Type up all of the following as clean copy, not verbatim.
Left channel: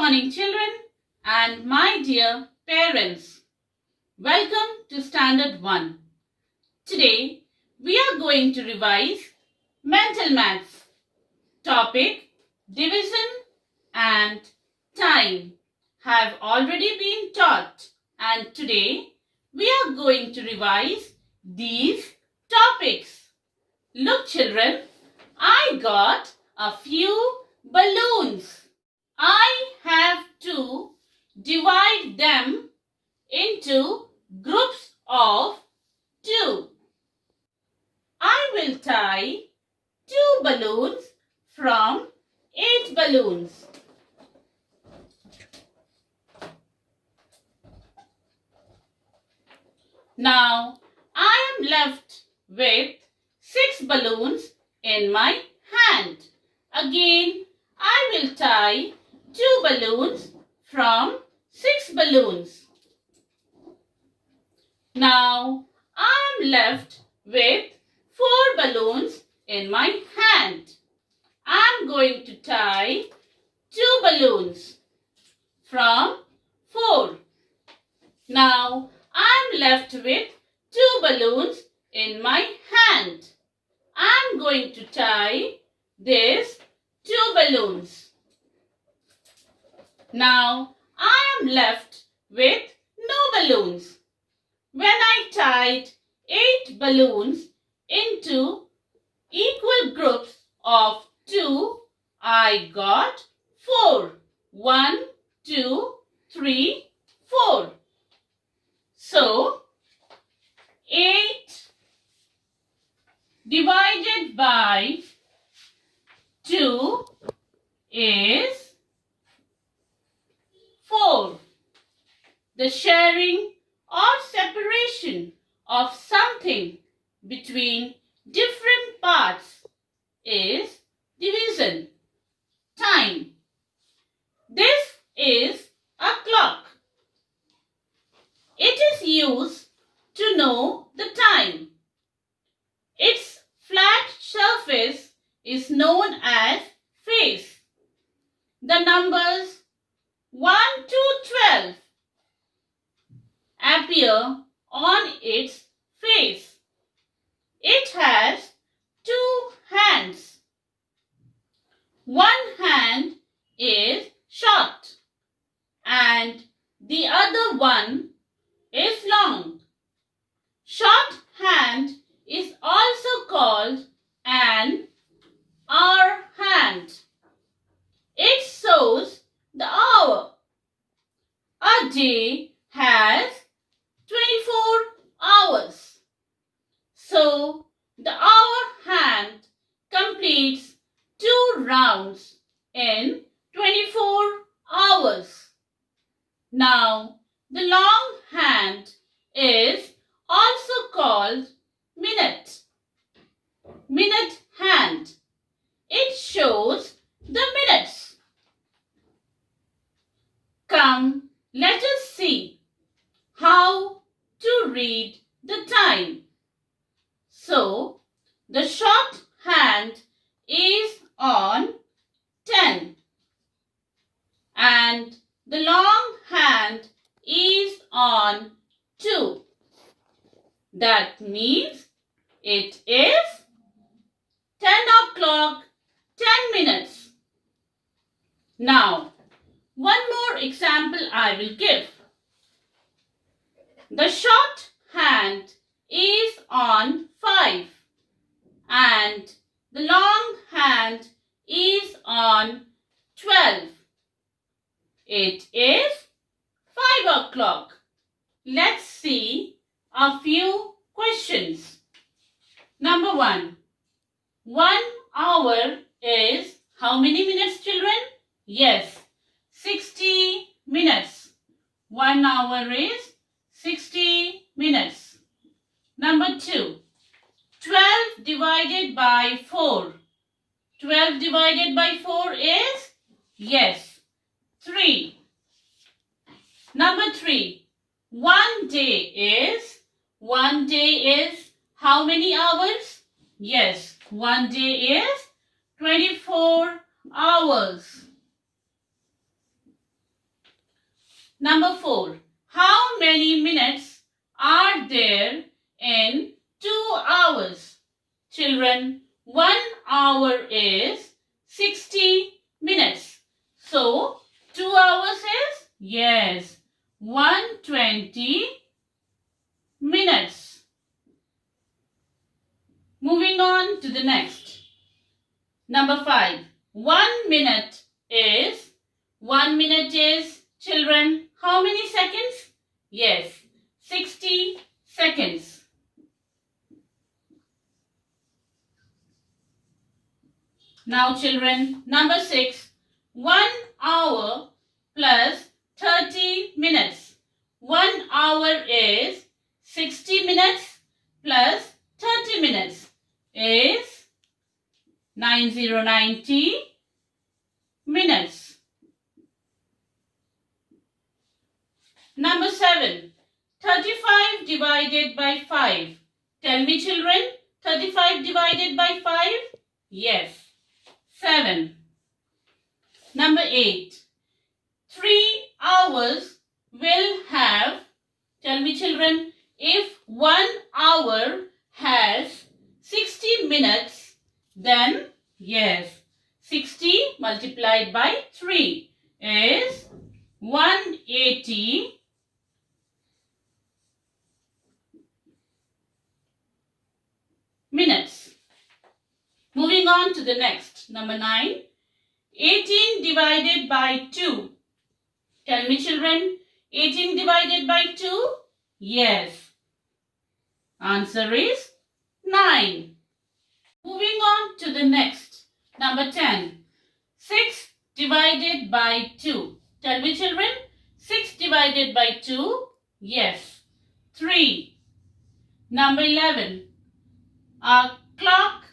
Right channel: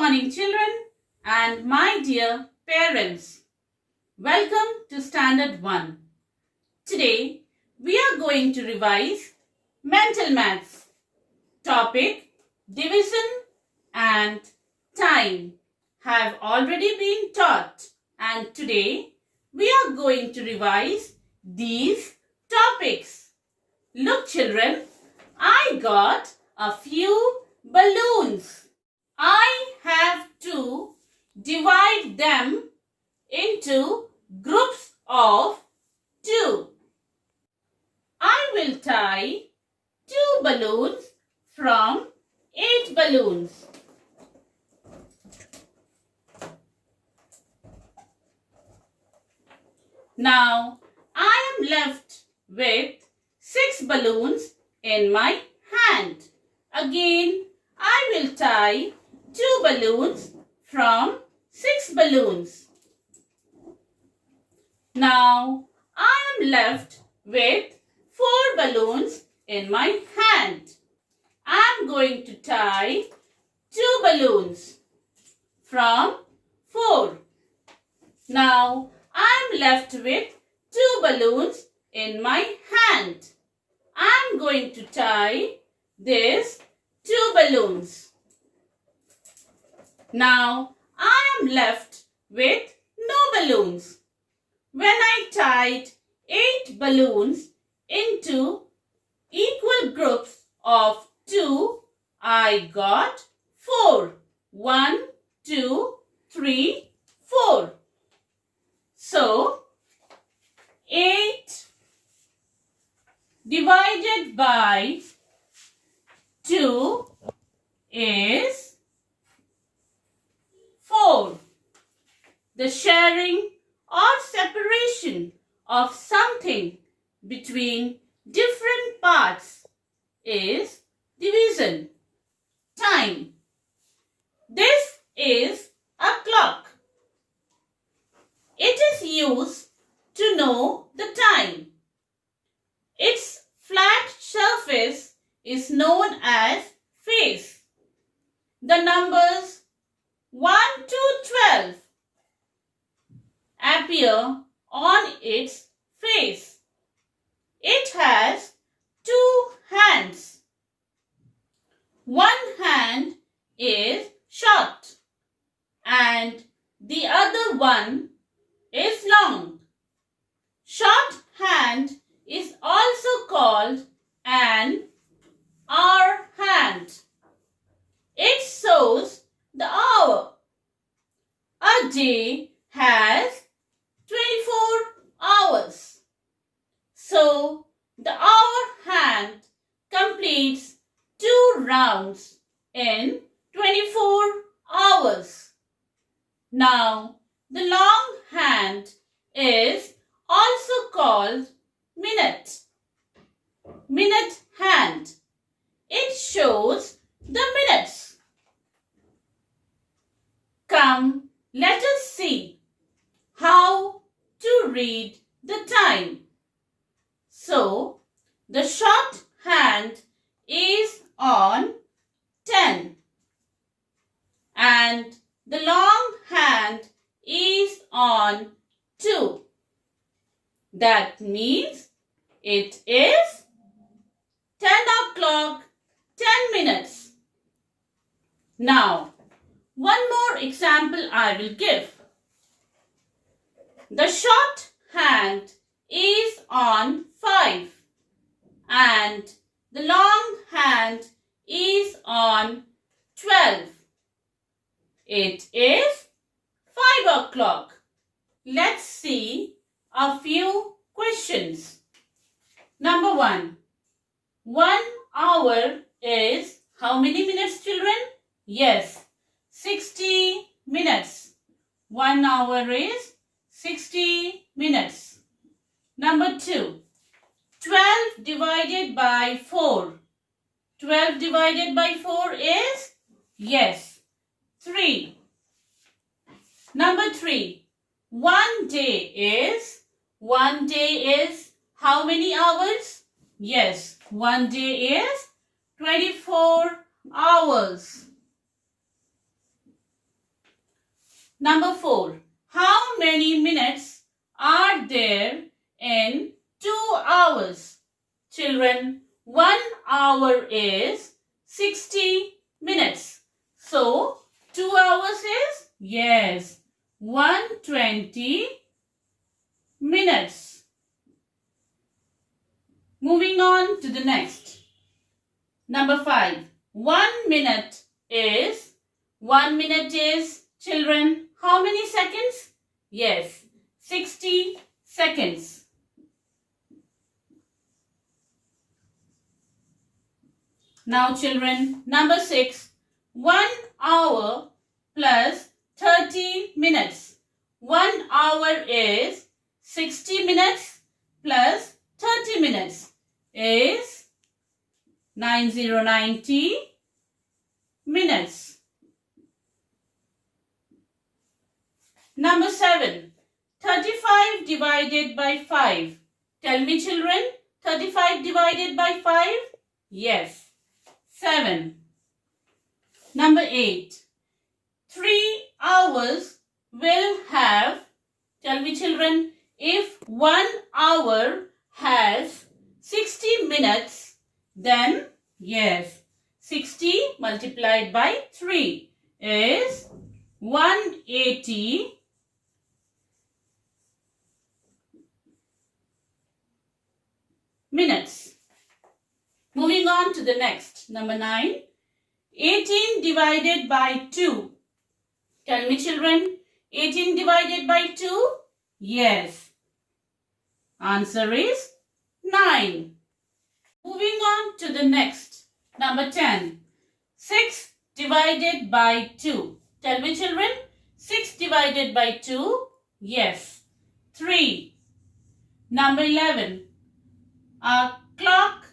morning, children, and my dear parents. Welcome to Standard 1. Today, we are going to revise mental maths. Topic, division and time have already been taught, and today we are going to revise these topics. Look, children, I got a few balloons. I have to divide them into groups of 2. I will tie 2 balloons from 8 balloons. Now, I am left with 6 balloons in my hand. Again, I will tie 2 balloons from 6 balloons. Now, I am left with 4 balloons in my hand. I am going to tie 2 balloons from 4. Now, I am left with 2 balloons in my hand. I am going to tie these 2 balloons. Now, I am left with no balloons. When I tied 8 balloons into equal groups of 2, I got 4. 1, 2, 3, 4. So, 8 divided by 2 is 4. The sharing or separation of something between different parts is division. Time. This is a clock. It is used to know the time. Its flat surface is known as face. The numbers 1 to 12 appear on its face. It has 2 hands. One hand is short and the other one is long. Short hand is also called an hour hand. It shows the hour. A day has 24 hours. So, the hour hand completes 2 rounds in 24 hours. Now, the long hand is also called minute. Minute hand. It shows the minutes. Come, let us see how to read the time. So, the short hand is on 10 and the long hand is on 2. That means it is 10 o'clock, 10 minutes. Now, one more example I will give. The short hand is on 5 and the long hand is on 12. It is 5 o'clock. Let's see a few questions. Number 1. 1 hour is how many minutes, children? Yes, 60 minutes. 1 hour is 60 minutes. Number 2. 12 divided by 4. 12 divided by 4 is? Yes, 3. Number 3. 1 day is how many hours? Yes, 1 day is 24 hours. Number 4. How many minutes are there in 2 hours? Children, 1 hour is 60 minutes. So, 2 hours is? Yes, 120 minutes. Moving on to the next. Number 5. 1 minute is, children, how many seconds? Yes, 60 seconds. Now children, number 6. 1 hour plus 30 minutes. 1 hour is 60 minutes plus 30 minutes is 90 minutes. Number 7. 35 divided by 5. Tell me children, 35 divided by 5? Yes, 7. Number 8. 3 hours will have, tell me children, if 1 hour has 60 minutes, then yes, 60 multiplied by 3 is 180 minutes. Moving on to the next. Number 9. 18 divided by 2. Tell me children, 18 divided by 2? Yes. Answer is 9. Moving on to the next. Number 10. 6 divided by 2. Tell me children, 6 divided by 2? Yes. 3. Number 11. A clock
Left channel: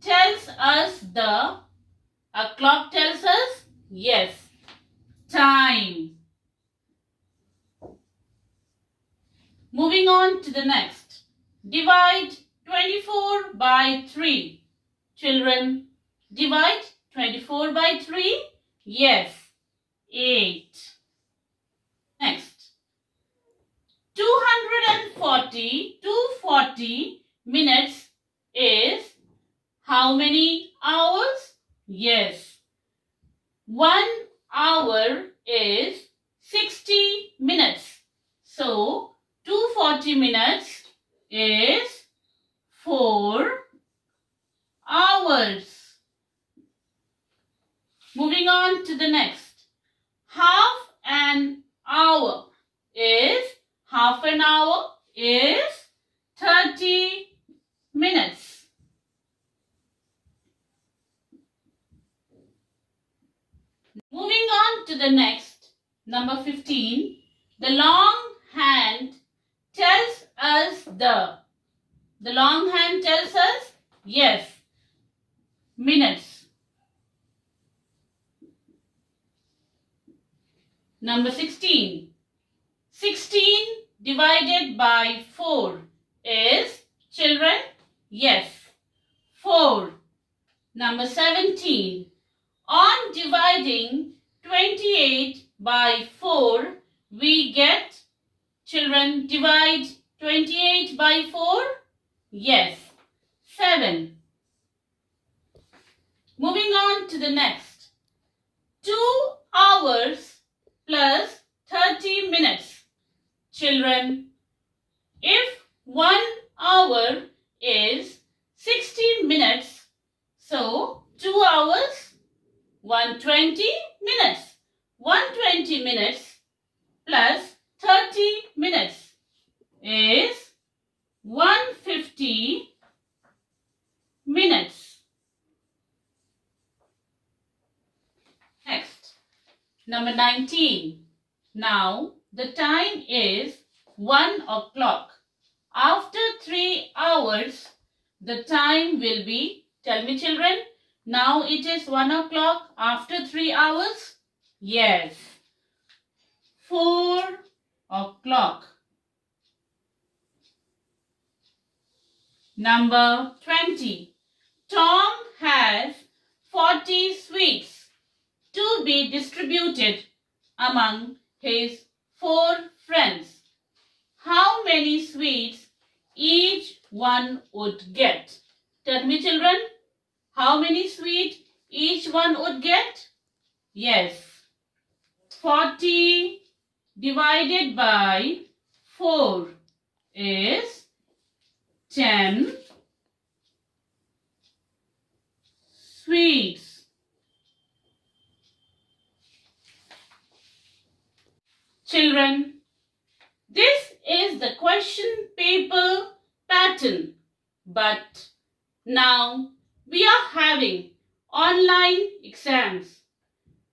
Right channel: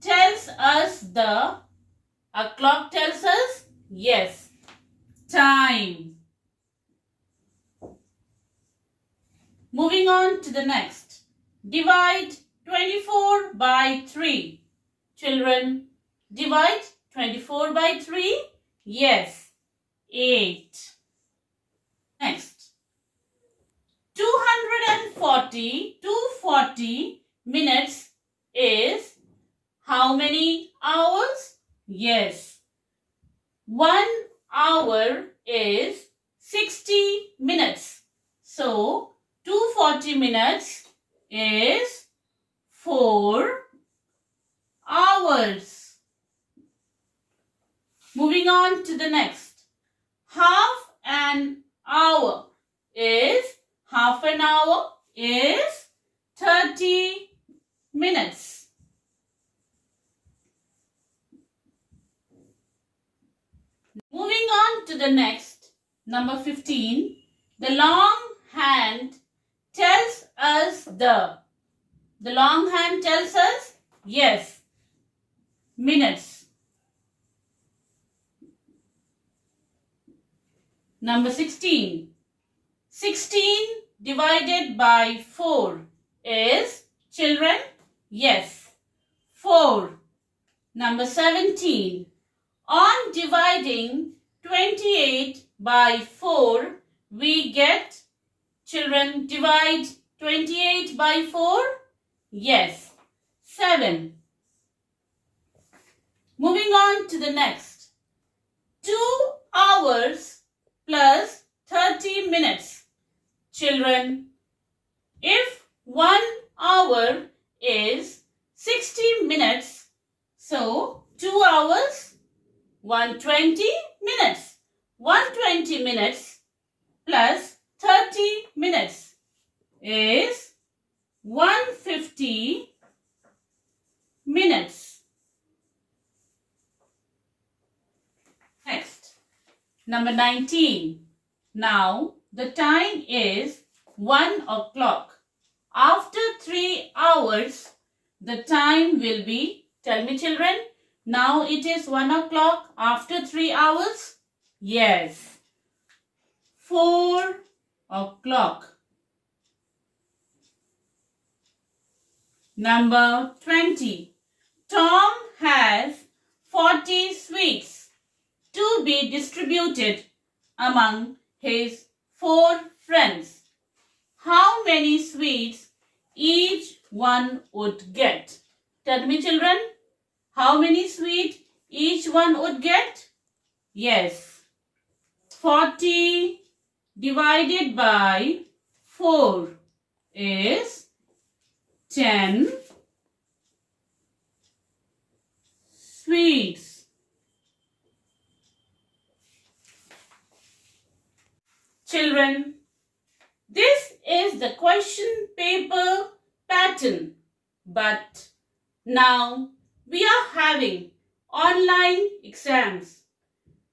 tells us yes, time. Moving on to the next. Divide 24 by 3. Children, divide 24 by 3? Yes, 8. Next. 240 minutes is how many hours? Yes. 1 hour is 60 minutes. So, 240 minutes is 4 hours. Moving on to the next. Half an hour is 30 minutes. Moving on to the next, number 15. The long hand tells us yes, minutes. Number 16. 16 divided by 4 is, children, yes, 4. Number 17. On dividing 28 by 4, we get, children, divide 28 by 4? Yes, 7. Moving on to the next. 2 hours plus 30 minutes. Children, if 1 hour is 60 minutes, so 2 hours, 120 minutes. 120 minutes plus 30 minutes is 150 minutes. Next, number 19. Now, the time is 1 o'clock. After 3 hours, the time will be, tell me children, now it is 1 o'clock after 3 hours? Yes, 4 o'clock. Number 20. Tom has 40 sweets to be distributed among his 4 friends, how many sweets each one would get? Tell me, children, how many sweets each one would get? Yes, 40 divided by 4 is 10 sweets. Children, this is the question paper pattern, but now we are having online exams.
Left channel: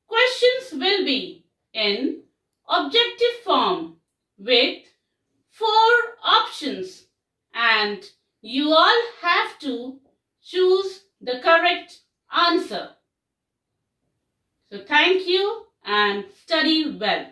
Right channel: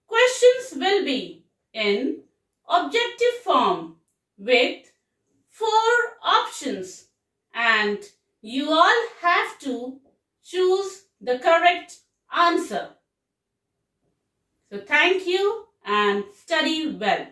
Questions will be in objective form with 4 options and you all have to choose the correct answer. So thank you and study well.